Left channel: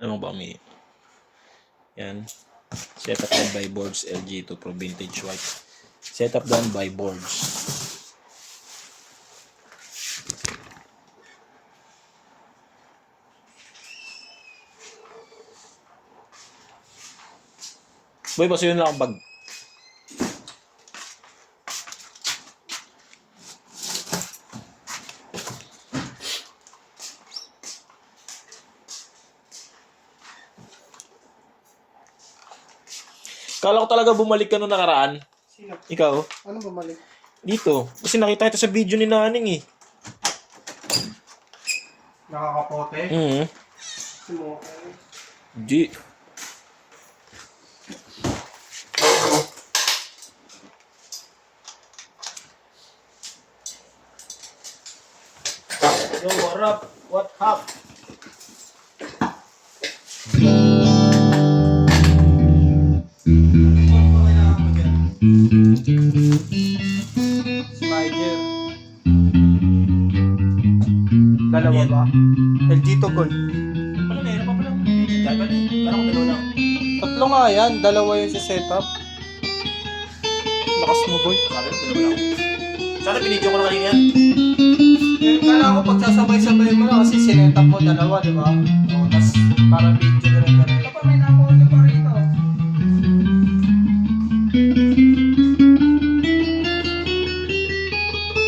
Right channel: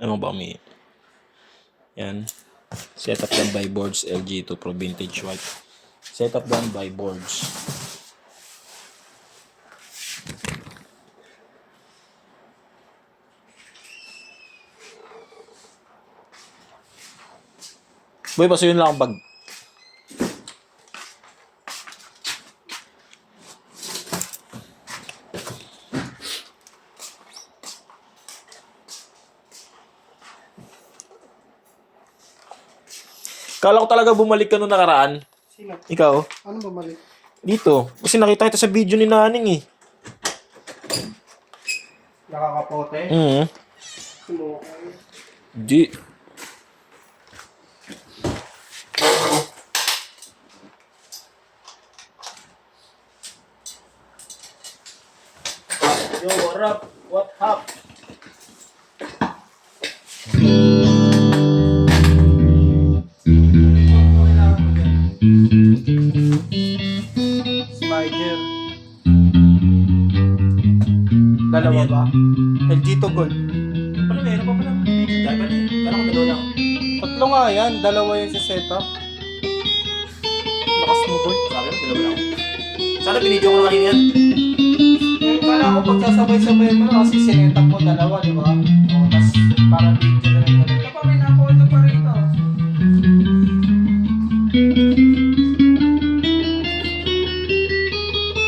Ano ba may... Yan. Setup done by Boards LG2 Pro Vintage White. Setup done by Boards. Boy, pasuyin lang ang bag. Kala ko talaga bumalik ka nung nakaraan. Sino? Ikaw? Ano bumalik? Dito. Kasi nakita kita sa video ni Naning eh. Nakakapote? Okay. Di. Yo, what up? What up? Spider. Dalawa ba? LG to gold. Pala, meron pa pala. Dahil pala eh. Kala ko dalawa lang. Tatlo nga yan. Dalawa yung sa setup. Lakas mo boy. Sabi mo, dalawa lang. Sana binidyo ko na kanina yan. Kala ko pagsasabay-sabay mo na kasi sinetup mo dalawa, di ba? O, tas para video na rin. Ito pa, may nakuha pa rito.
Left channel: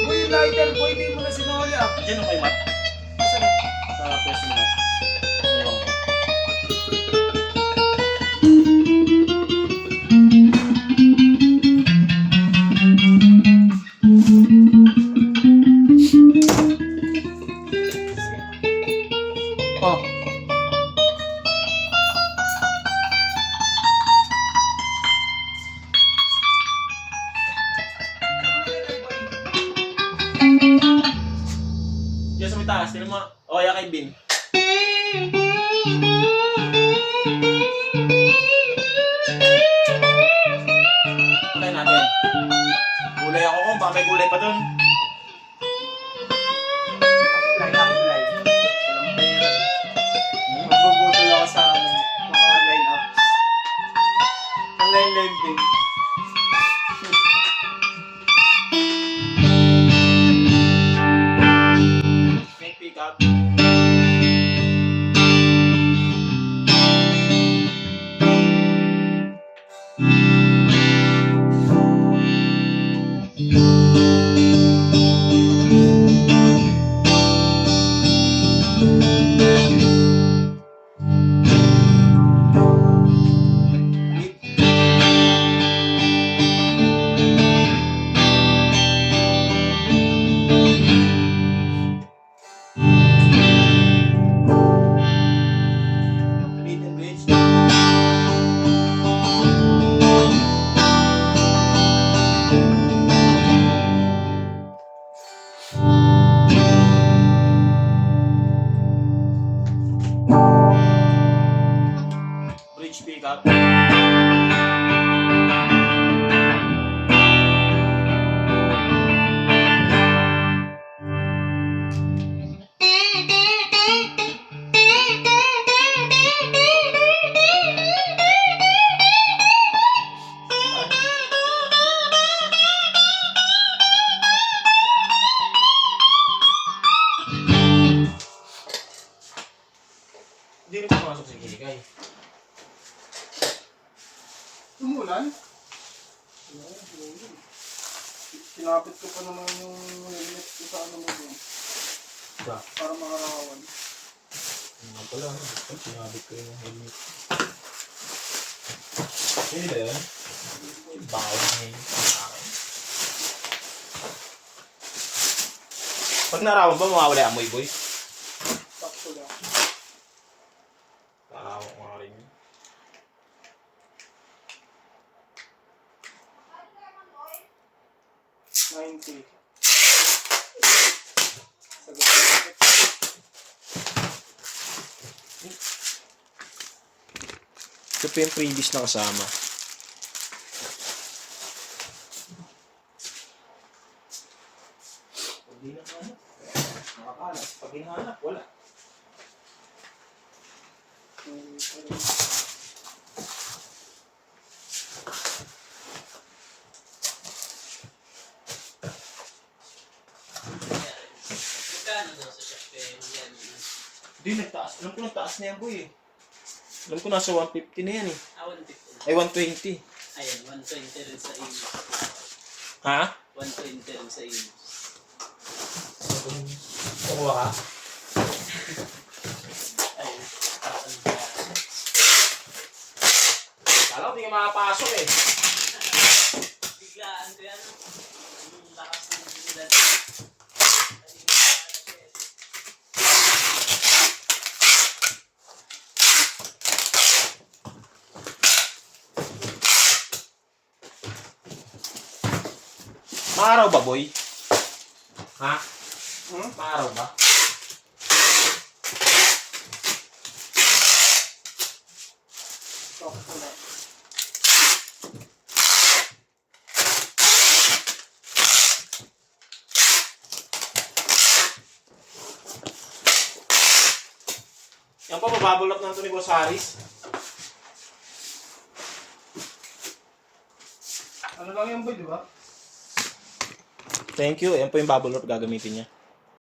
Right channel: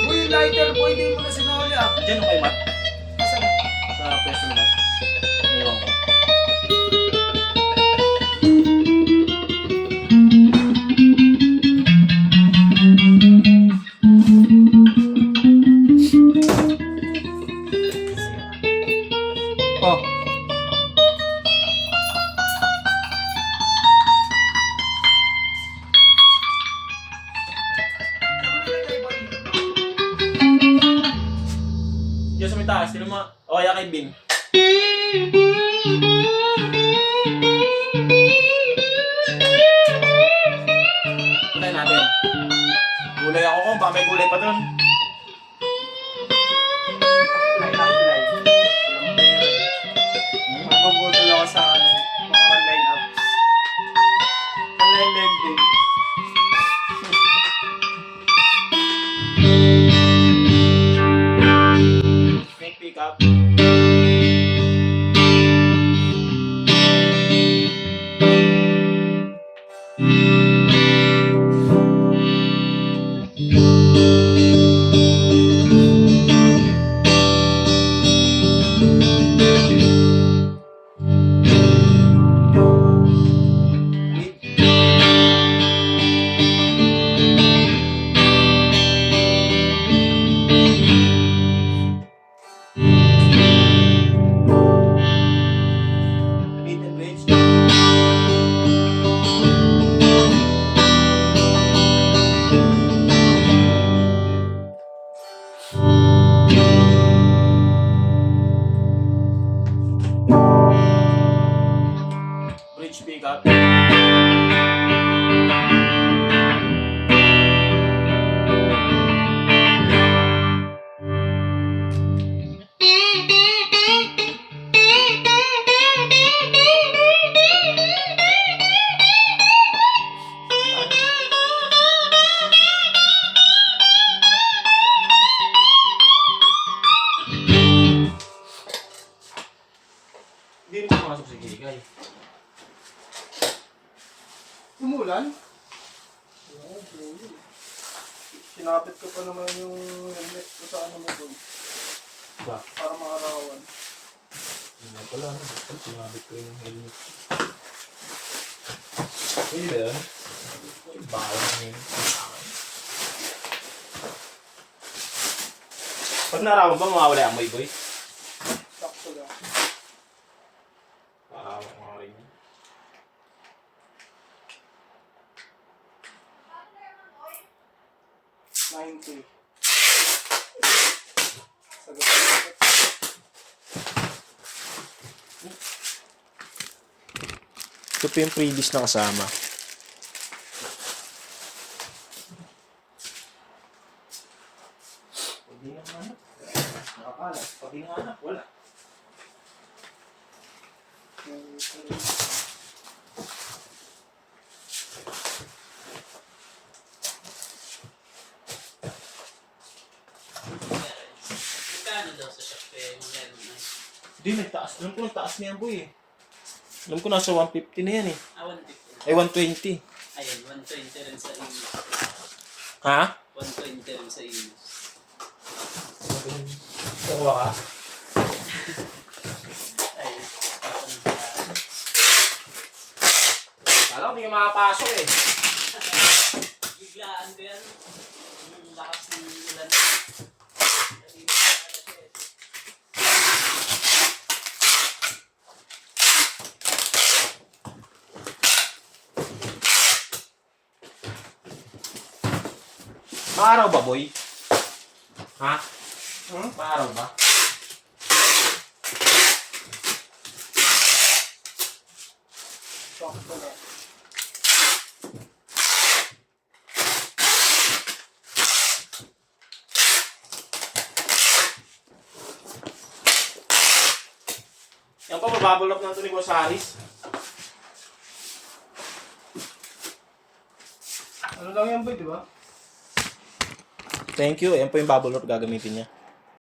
Boy, lighter boy, hindi mo na sinuli ah. Diyan ako kay Matt. Asan? Sa pwesto ni Matt. Iniwan ko. Oh. Diyan sa may taas. Sino mo? O kaya kay Bin. Kulay natin. Gulay ako kung baka may gulay pa dun. Light up light. Magbubudol ako sa ano, mga line up. Online lending. Make pick up. Beat and bridge. Bridge pick up. Hindi rin pumasok si Kikay. Umulan? Sinapit ko pa naman yung helmet ko sa ano mo doon. Ba? Para makarawan. Ano pala, ano? Sinabit ko yung helmet. Pwede ba yun? Bawang na yun. Pag narawan ba, mawawala amoy, boy? Sakto lang. Narawan ko nga rin yun. $90. Sagot. Ito po yung previous na kasama. Hindi na hanap. Nakakalat. Pag hinahanap, wala. Magkano daw sa shop eh? Magkano na? Hindi, nagtaas. Alam ko nagtaas na yan, boy eh. Alam ko nasa 150 na yan eh. Ah, 150 na. Ay, 120. Ayun, 120 rin sa Imus. Ha? 120 rin sa Imus. Kukuha ka? Ayun. Kala ko hindi ka makapasok eh. Biglaan ko yan. Ang lakas ng ulan. Maaraw ba, boy? Ha? Hmm? Maaraw ba? Sakto na. Yan pa, mababulok na ito ni Boss Haris. Ano lang yan boy, di ba? Thank you. Yan po yung bubble wrap gagamitin niya.